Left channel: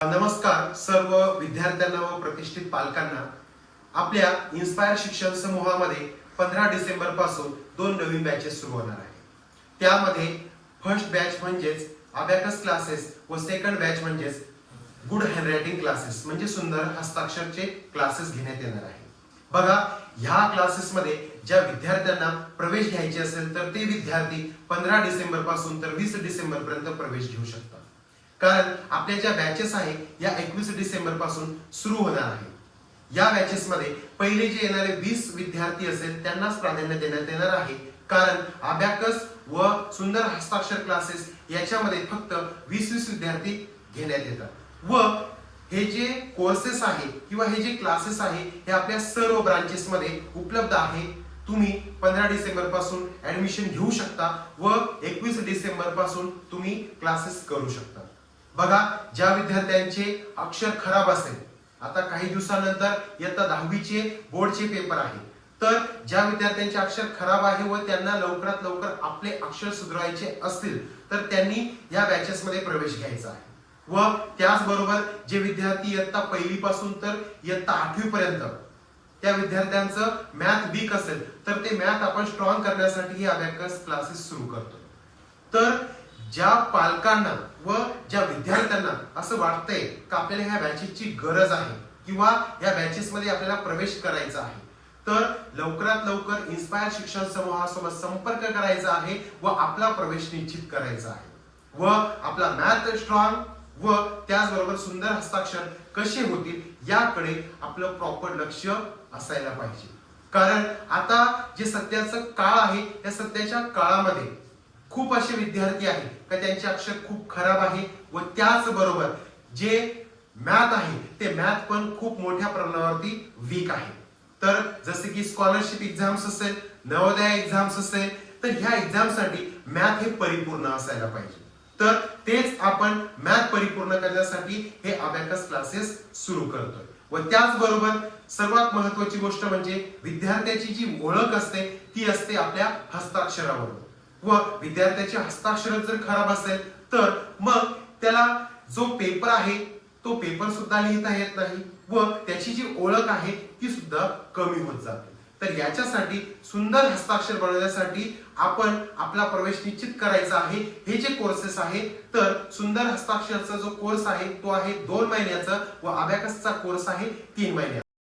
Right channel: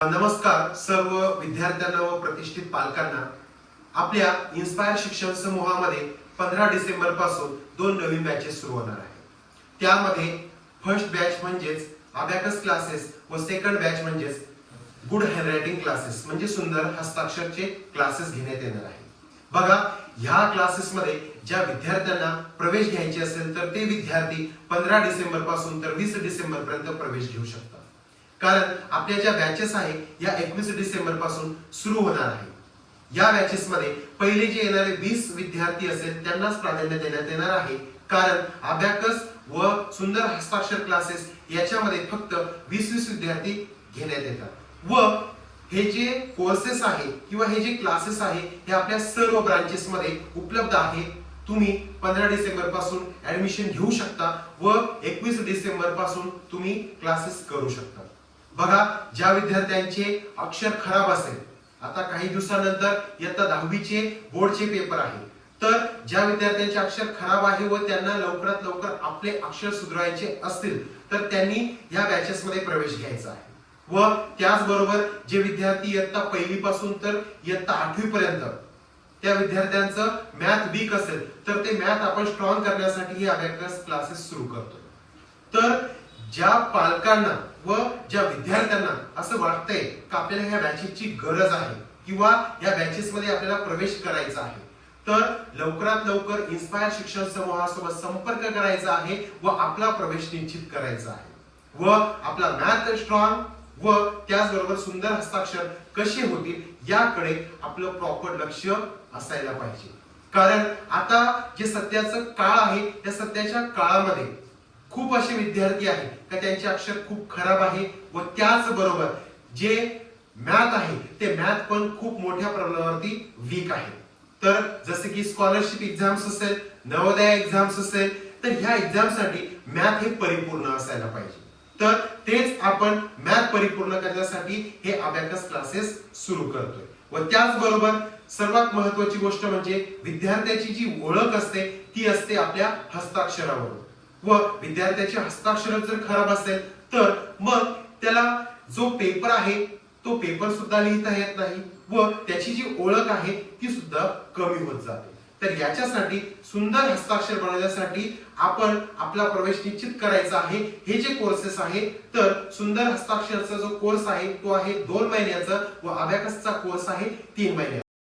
नमस्कार सर्व विद्यार्थ्यांना व प्रतिष्ठित पालकांना। आपल्या इन्स्पायर शिक्षण समूहामध्ये 15 डिसेंबर पासून 2 नवीन बॅचेस सुरू होणार आहेत। त्यामध्ये फर्स्ट बॅच म्हणजेच अबॅकस क्लासेस व सेकंड बॅच म्हणजेच गुड हँडरायटिंग क्लासेस म्हणजे सुंदर हस्ताक्षरचे क्लासेस घेण्यात येणार आहे। बघा, ह्या क्लासेसमध्ये ज्या विद्यार्थ्यांना प्रवेश घ्यायचे असेल तर ते विद्यार्थी 15 डिसेंबर पासून तर 20 डिसेंबर पर्यंत प्रवेश घेऊ शकतात। कारण आपल्या ज्या बॅचेस आहे या 21 डिसेंबर पासून सुरू होणार आहे। या बॅचेस मध्ये पहिले जे येणारे 20 विद्यार्थी असेल त्यांनाच प्राधान्य देण्यात येणार आहे। कारण अबॅकस व सुंदर हस्ताक्षर क्लासेस याच्यामध्ये फक्त 20 विद्यार्थी घेण्यात येतात व हे जे कोर्सेस आहे किंवा हे जे क्लासेस आहे हे आपल्या सर्व ब्रांचेस मध्ये उपलब्ध आहे। तुम्ही 15 डिसेंबर पासून ऍडमिशन घेऊ शकता व 21 डिसेंबर पासून तुम्ही क्लासेस करू शकता। बघा, ज्या विद्यार्थ्यांचे अक्षर खराब असेल, आता काही दिवसानंतर इयत्ता 10वी चे बोर्डचे पेपर आहे, तर ज्या विद्यार्थ्यांचे अक्षर खराब आहे व त्यांना लवकरात लवकर आपले अक्षर सुधारायचे असतील तर त्यांनी या बॅचेस मध्ये प्रवेश घ्यायचा आहे। व त्याचबरोबर जे विद्यार्थी इयत्ता 1ली पासून तर इयत्ता 8वी पर्यंत त्या विद्यार्थ्यांचं मॅथ वीक असेल तर ते मॅथ आपण स्ट्रॉंग करण्यासाठी ही अबॅकस क्लासेस सुरू करतो। तर ज्या पालकांना व ज्या विद्यार्थ्यांना असं वाटतंय की आपल्याला ह्या बॅचेसची गरज आहे किंवा या बॅचेस मध्ये आपल्याला प्रवेश करायचा आहे, तर लवकरात लवकर इन्स्पायर शिक्षण समूहासोबत संपर्क करायचा आहे व आपला प्रवेश निश्चित करायचा आहे व आपला मॅथ स्ट्रॉंग व त्याचबरोबर सुंदर हस्ताक्षर कसे होतील याकडे आपलं प्रॉपर लक्ष असायला पाहिजे। कारण आता जे सध्याचं काळ आहे या सध्याच्या काळामध्ये खूप असे विद्यार्थी आहेत का त्यांचे अक्षर खूप खराब आहे व त्याचबरोबर जे मॅथ आहे ते मॅथ पण खूप मोठ्या प्रमाणावरती वीक आहे। तर जसे की स्कॉलरशिप एक्झाम्स असेल, नवोदय एक्झाम्स असेल, तर ह्या एक्झामसाठी मॅथ हे परिपूर्ण असायला पाहिजे। तर तेच आपण मॅथ परिपूर्ण करण्यासाठी हे अबॅकस क्लासेस सुरू करतोय व त्याचबरोबर सर्वात महत्त्वाची गोष्ट म्हणजे विद्यार्थ्याची जी ओळख असते ती असते आपल्या हस्ताक्षरावरून व विद्यार्थ्याचे हस्ताक्षर जर खराब असेल तर मग त्याला जो पेपर आहे तो पेपर सुद्धा लिहिता येत नाही व त्याची जी ओळख आहे ती सुद्धा कमी होत जाते। तर याच्यासाठी सुंदर हस्ताक्षर बनवण्यासाठी आपण आपला प्रवेश निश्चित करायचा आहे। हे जे कोर्सेस आहे तर सुंदर हस्ताक्षरचा जो कोर्स आहे तो आहे 2 महिन्याचा व अबॅकसचा कोर्स आहे 3 महिन्याचा।